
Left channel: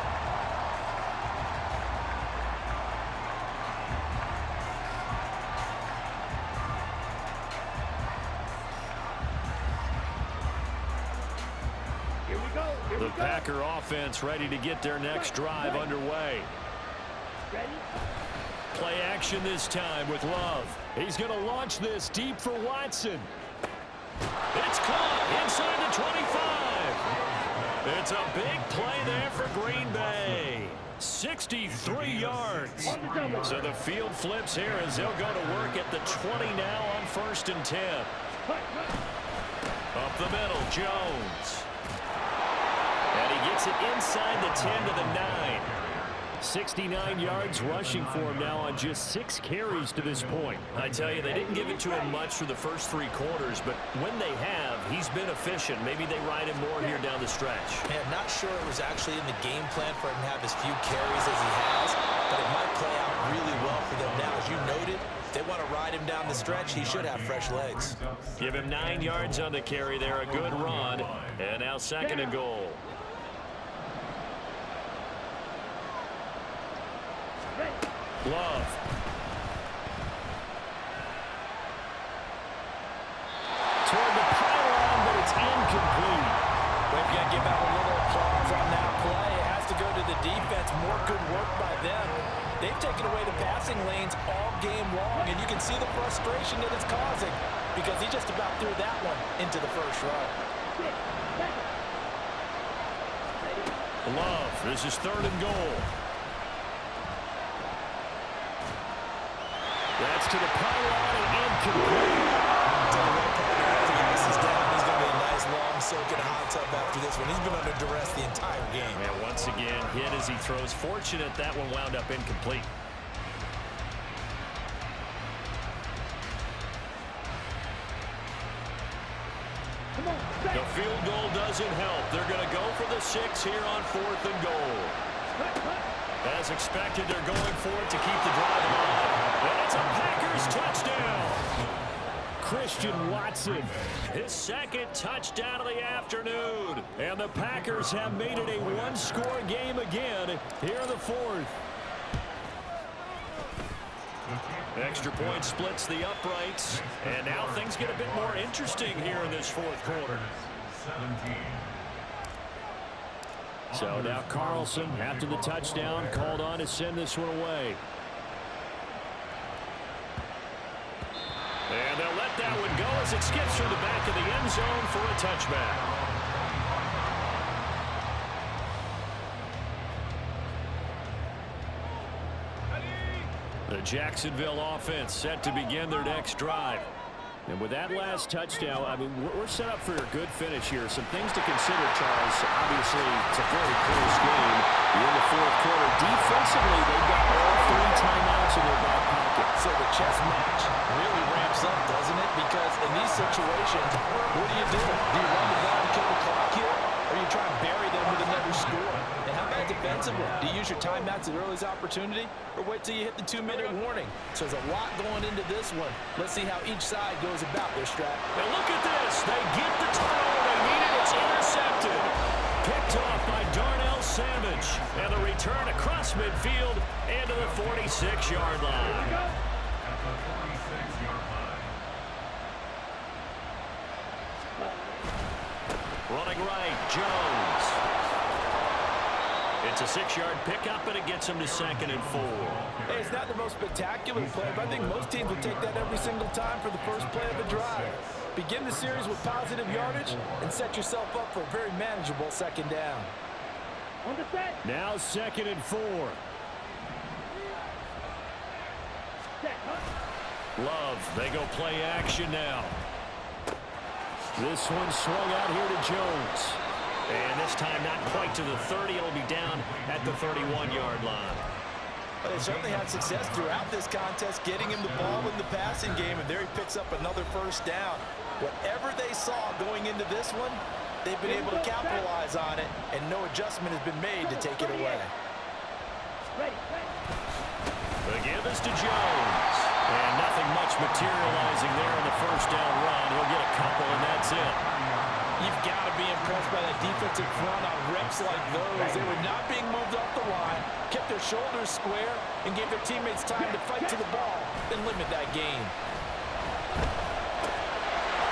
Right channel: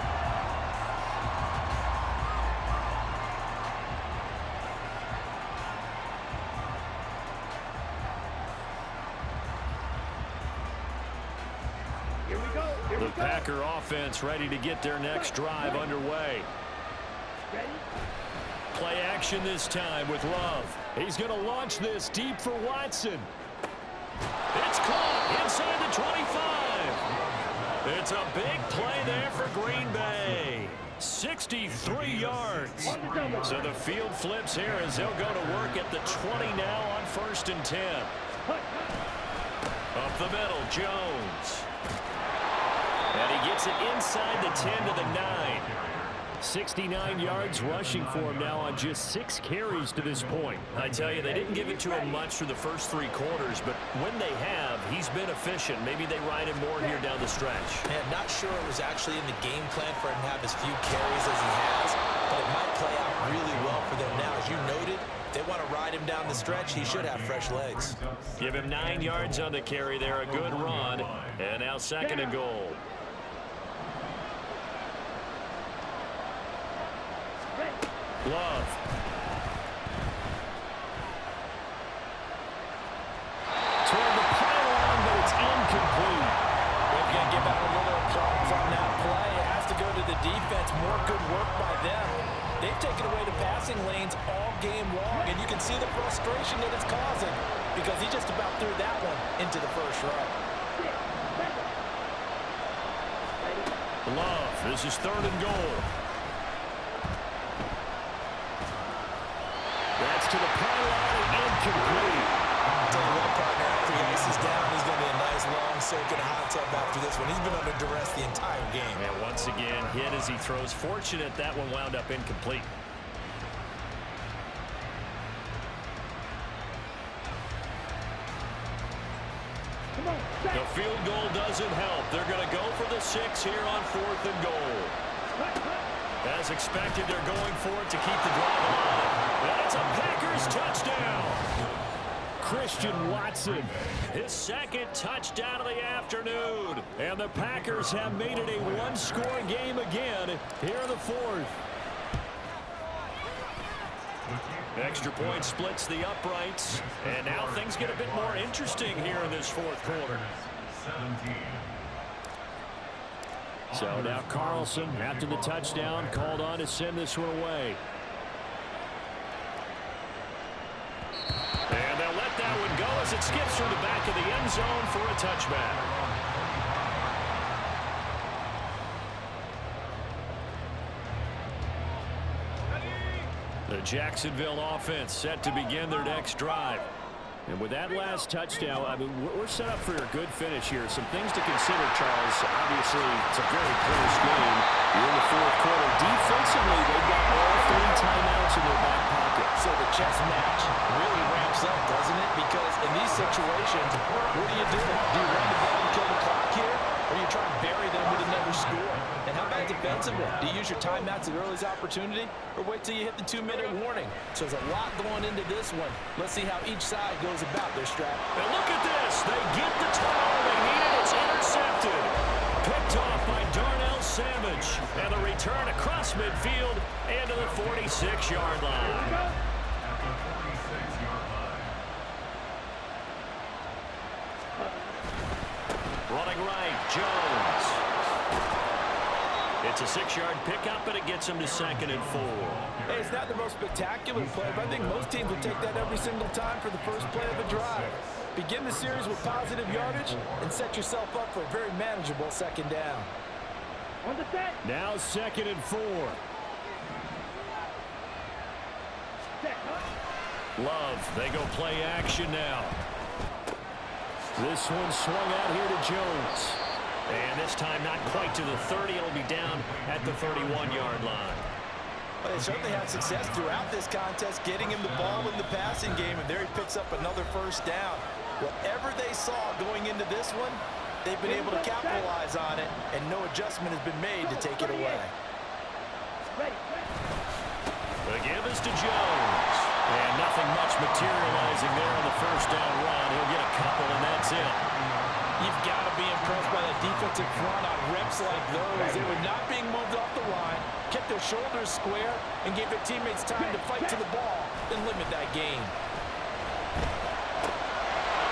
The Packer offense ready to get their next drive underway. Play action this time with Love. He's going to launch this deep for Watson. It's caught inside the 25. It's a big play there for Green Bay. 63 yards. So the field flips here as they'll go to work at the 20 now on 1st and 10. Up the middle, Jones. And he gets it inside the 10 to the 9. 69 yards rushing for him now on just 6 carries to this point. I tell you, they didn't give it to him much for the first 3 quarters, but when they have, he's been efficient. Maybe they ride him more here down the stretch. Man, not sure it was actually in the game plan for him to have as few carries as he has, but it might play out really well for them now. As you noted, if they want to ride him down the stretch, he should have fresh legs. Give him 9 yards on the carry there, a good run, and now 2nd and goal. Love. Toward the pylon, but it's incomplete. We've got to give out a little applause on that play. It has to go to the defense. More good work by them. They've taken away the passing lanes all game long, and you can see the frustration that it's causing because he just about threw that one into the first row. Love. This is 3rd and goal. That's to the pylon and incomplete. Tell you what, partner, after the ice is down, he's going to be a nice, long soak in a hot tub after this one. He's been under duress the entire game. And once again, hit as he throws. Fortunate that one wound up incomplete. The field goal doesn't help. They're going to go for the 6 here on 4th and goal. As expected, they're going for it to keep the drive alive. And it's a Packers touchdown. Christian Watson, his 2nd touchdown of the afternoon. And the Packers have made it a 1-score game again here in the 4th. Extra point splits the uprights. And now things get a bit more interesting here in this 4th quarter. 17. So now Carlson, after the touchdown, called on to send this one away. And they'll let that one go as it skips through the back of the end zone for a touchback. The Jacksonville offense set to begin their next drive. And with that last touchdown, I mean, we're set up for a good finish here. Some things to consider, Charles. Obviously, it's a very close game. You're in the 4th quarter. Defensively, they've got all 3 timeouts in their back pocket. So the chess match really ramps up, doesn't it? Because in these situations, what do? Do you run the ball and kill the clock here? Or do you try and bury them with another score? And how about defensively? Do you use your timeouts at earliest opportunity? Or wait till you hit the 2-minute warning? So there's a lot going into this one. Let's see how each side goes about their strat. And look at this. They get the turnover they needed. It's intercepted. Picked off by Darnell Savage. And the return across midfield and to the 46-yard line. At the 46-yard line. Running right, Jones. It's a 6-yard pickup, and it gets him to 2nd and 4. Hey, it's not the most spectacular play, but I think most teams would take that every single time for the first play of a drive. Begin the series with positive yardage and set yourself up for a very manageable 2nd down. Now 2nd and 4. Love, they go play action now. This one swung out here to Jones. And this time not quite to the 30. It'll be down at the 31-yard line. Well, they certainly had success throughout this contest, getting him the ball in the passing game, and there he picks up another 1st down. Whatever they saw going into this one, they've been able to capitalize on it, and no adjustment has been made to take it away. The give is to Jones. And nothing much materializing there on the 1st down run. He'll get a couple, and that's it. You've got to be impressed by that defensive front on reps like those. They were not being moved off the line, kept their shoulders square, and gave their teammates time to fight to the ball and limit that gain.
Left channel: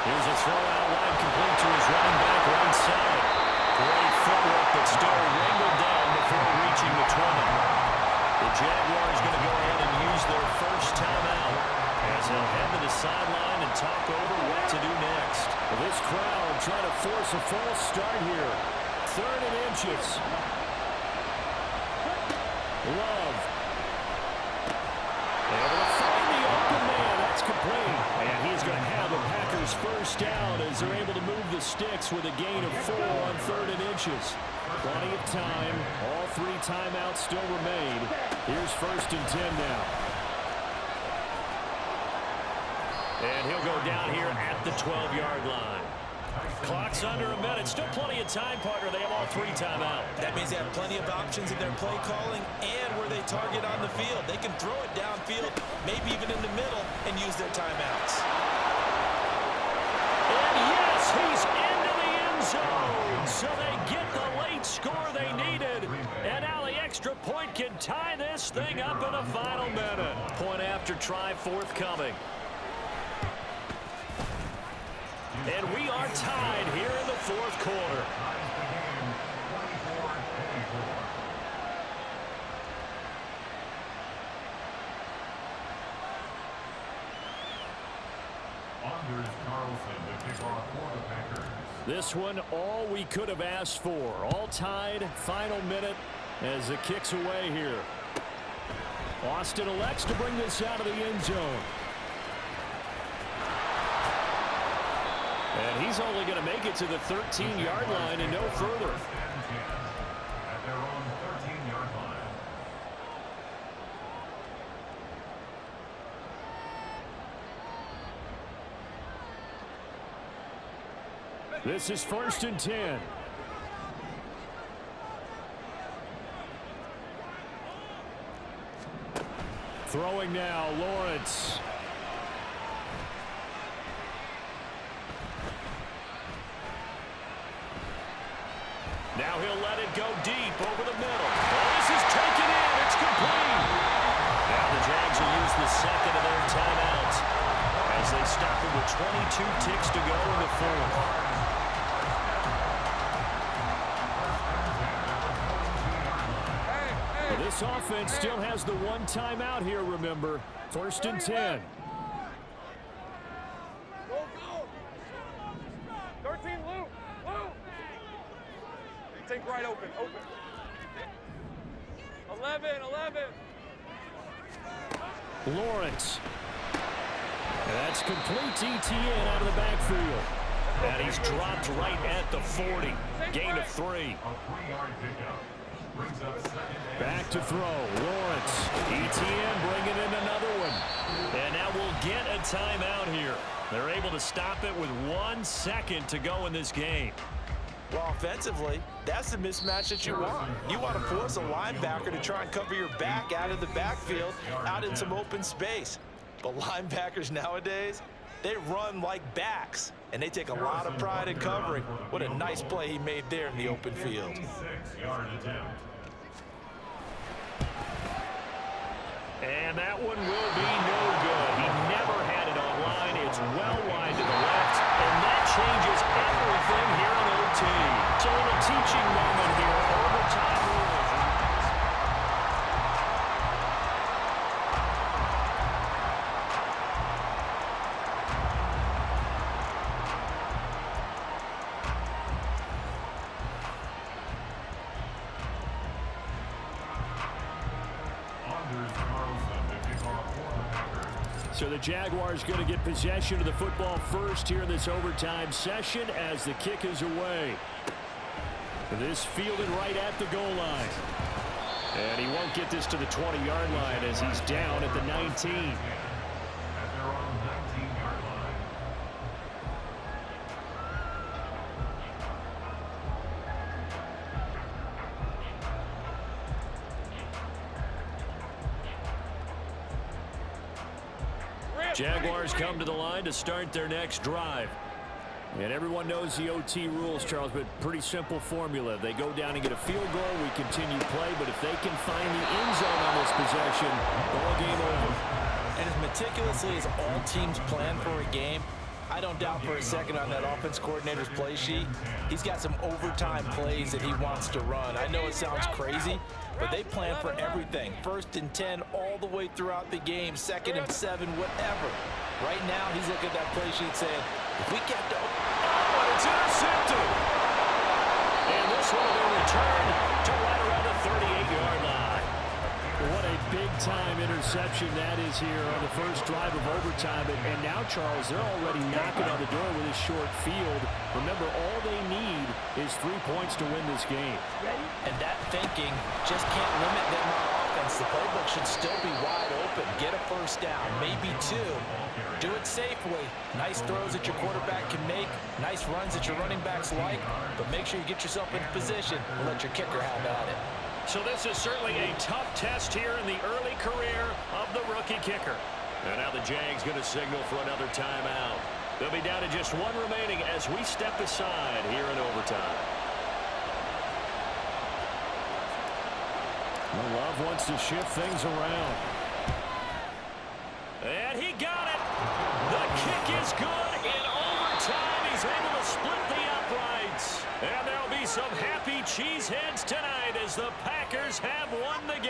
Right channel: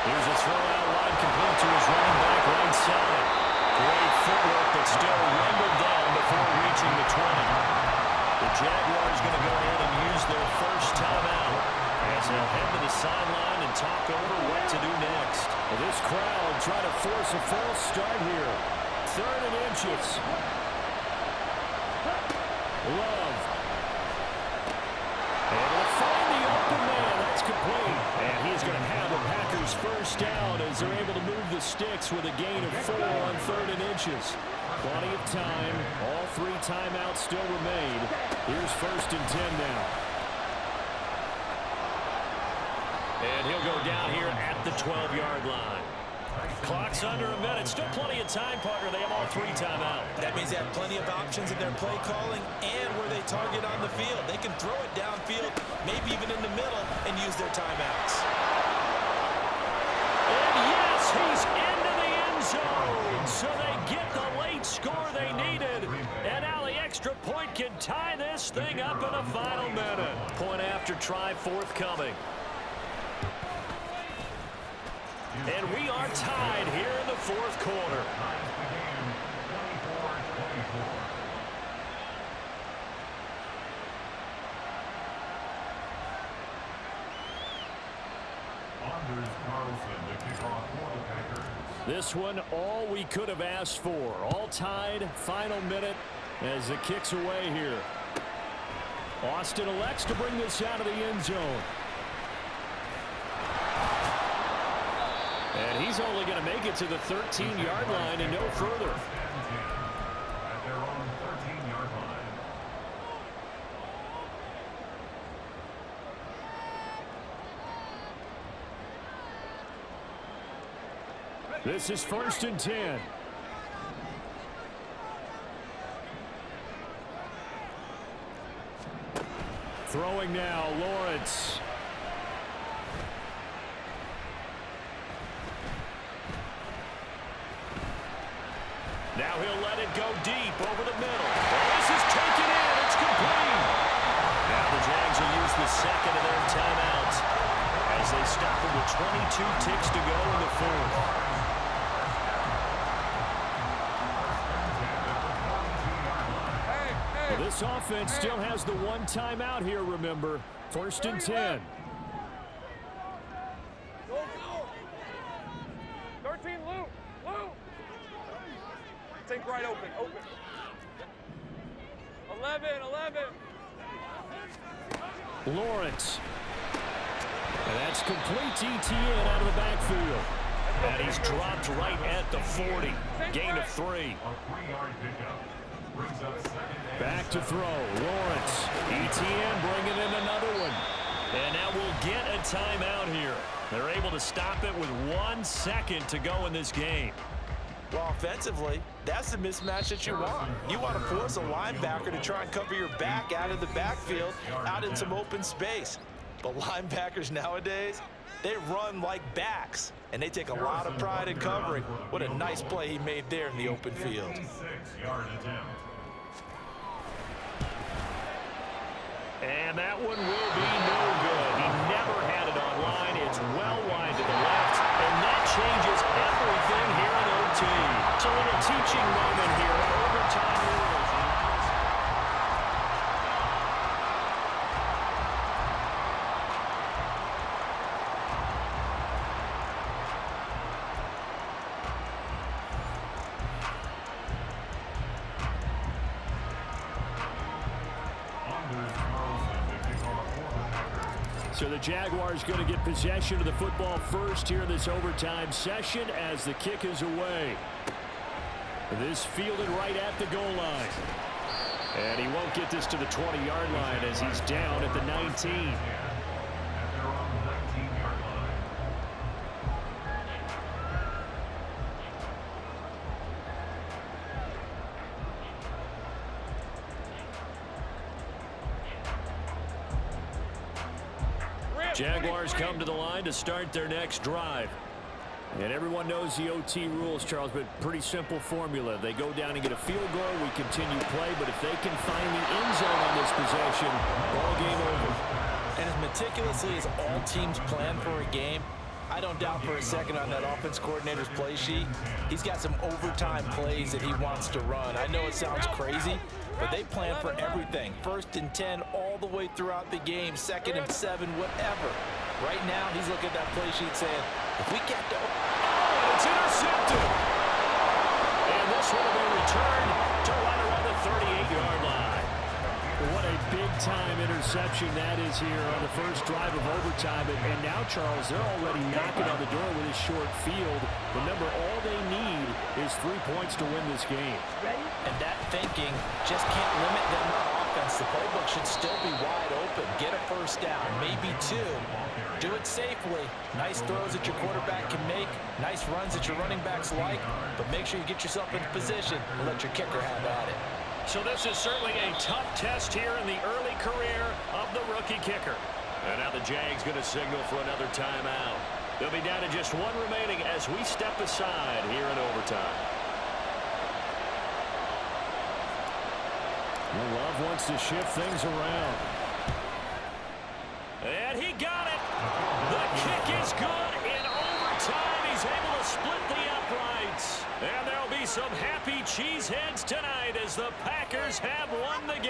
Here's a throw out wide, complete to his running back right side. Great footwork, but still wrangled down before reaching the 20. The Jaguars going to go ahead and use their first timeout as they'll head to the sideline and talk over what to do next. Well, this crowd trying to force a false start here. 3rd and inches. Love. Able to find the open man. That's complete. And he's going to have the Packers first down as they're able to move the sticks with a gain of 4 on 3rd and inches. Plenty of time. All 3 timeouts still remain. Here's 1st and 10 now. And he'll go down here at the 12-yard line. Clock's under a minute. Still plenty of time, partner. They have all 3 timeouts. That means they have plenty of options in their play calling and where they target on the field. They can throw it downfield, maybe even in the middle, and use their timeouts. And yes, he's into the end zone. So they get the late score they needed. And now the extra point can tie this thing up in the final minute. Point after try forthcoming. And we are tied here in the 4th quarter. This one, all we could have asked for. All tied, final minute as the kick's away here. Austin elects to bring this out of the end zone. And he's only going to make it to the 13-yard line and no further. At their own 13-yard line. This is 1st and 10. Throwing now, Lawrence. Now he'll let it go deep over the middle. Oh, this is taken in. It's complete. Now the Jags will use the 2nd of their timeouts as they stop it with 22 ticks to go in the 4th. Well, this offense still has the 1 timeout here, remember. 1st and 10. Go, go. 13, Lou. Think right open. 11. Lawrence. And that's complete ETN out of the backfield. And he's dropped right at the 40. Gain of 3. A 3-yard pickup. Brings up 2nd and Back to throw. Lawrence. ETN bringing in another one. And now we'll get a timeout here. They're able to stop it with 1 second to go in this game. Well, offensively, that's the mismatch that you want. You want to force a linebacker to try and cover your back out of the backfield, out in some open space. But linebackers nowadays, they run like backs, and they take a lot of pride in covering. What a nice play he made there in the open field. 6-yard attempt. And that one will be no good. He never had it online. It's well wide to the left, and that changes everything here in OT. It's a little teaching moment here. Overtime rules. So the Jaguars going to get possession of the football first here in this overtime session as the kick is away. This fielded right at the goal line. And he won't get this to the 20-yard line as he's down at the 19. At their own 19-yard line. Jaguars come to the line to start their next drive. And everyone knows the OT rules, Charles, but pretty simple formula. They go down and get a field goal, we continue play, but if they can find the end zone on this possession, ball game over. And as meticulously as all teams plan for a game, I don't doubt for a second on that offense coordinator's play sheet, he's got some overtime plays that he wants to run. I know it sounds crazy, but they plan for everything. 1st and 10 all the way throughout the game, 2nd and 7, whatever. Right now, he's looking at that play sheet saying, if we get to... Oh, and it's intercepted. And this one will be returned to right around the 38-yard line. What a big-time interception that is here on the first drive of overtime. And now, Charles, they're already knocking on the door with this short field. Remember, all they need is 3 points to win this game. And that thinking just can't limit them on offense. The playbook should still be wide open. Get a first down, maybe 2. Do it safely. Nice throws that your quarterback can make. Nice runs that your running backs like. But make sure you get yourself in position and let your kicker have at it. So this is certainly a tough test here in the early career of the rookie kicker. And now the Jags going to signal for another timeout. They'll be down to just 1 remaining as we step aside here in overtime. Well, Love wants to shift things around. And he got it. The kick is good in overtime. He's able to split the uprights. And there'll be some happy cheeseheads tonight as the Packers have won the game.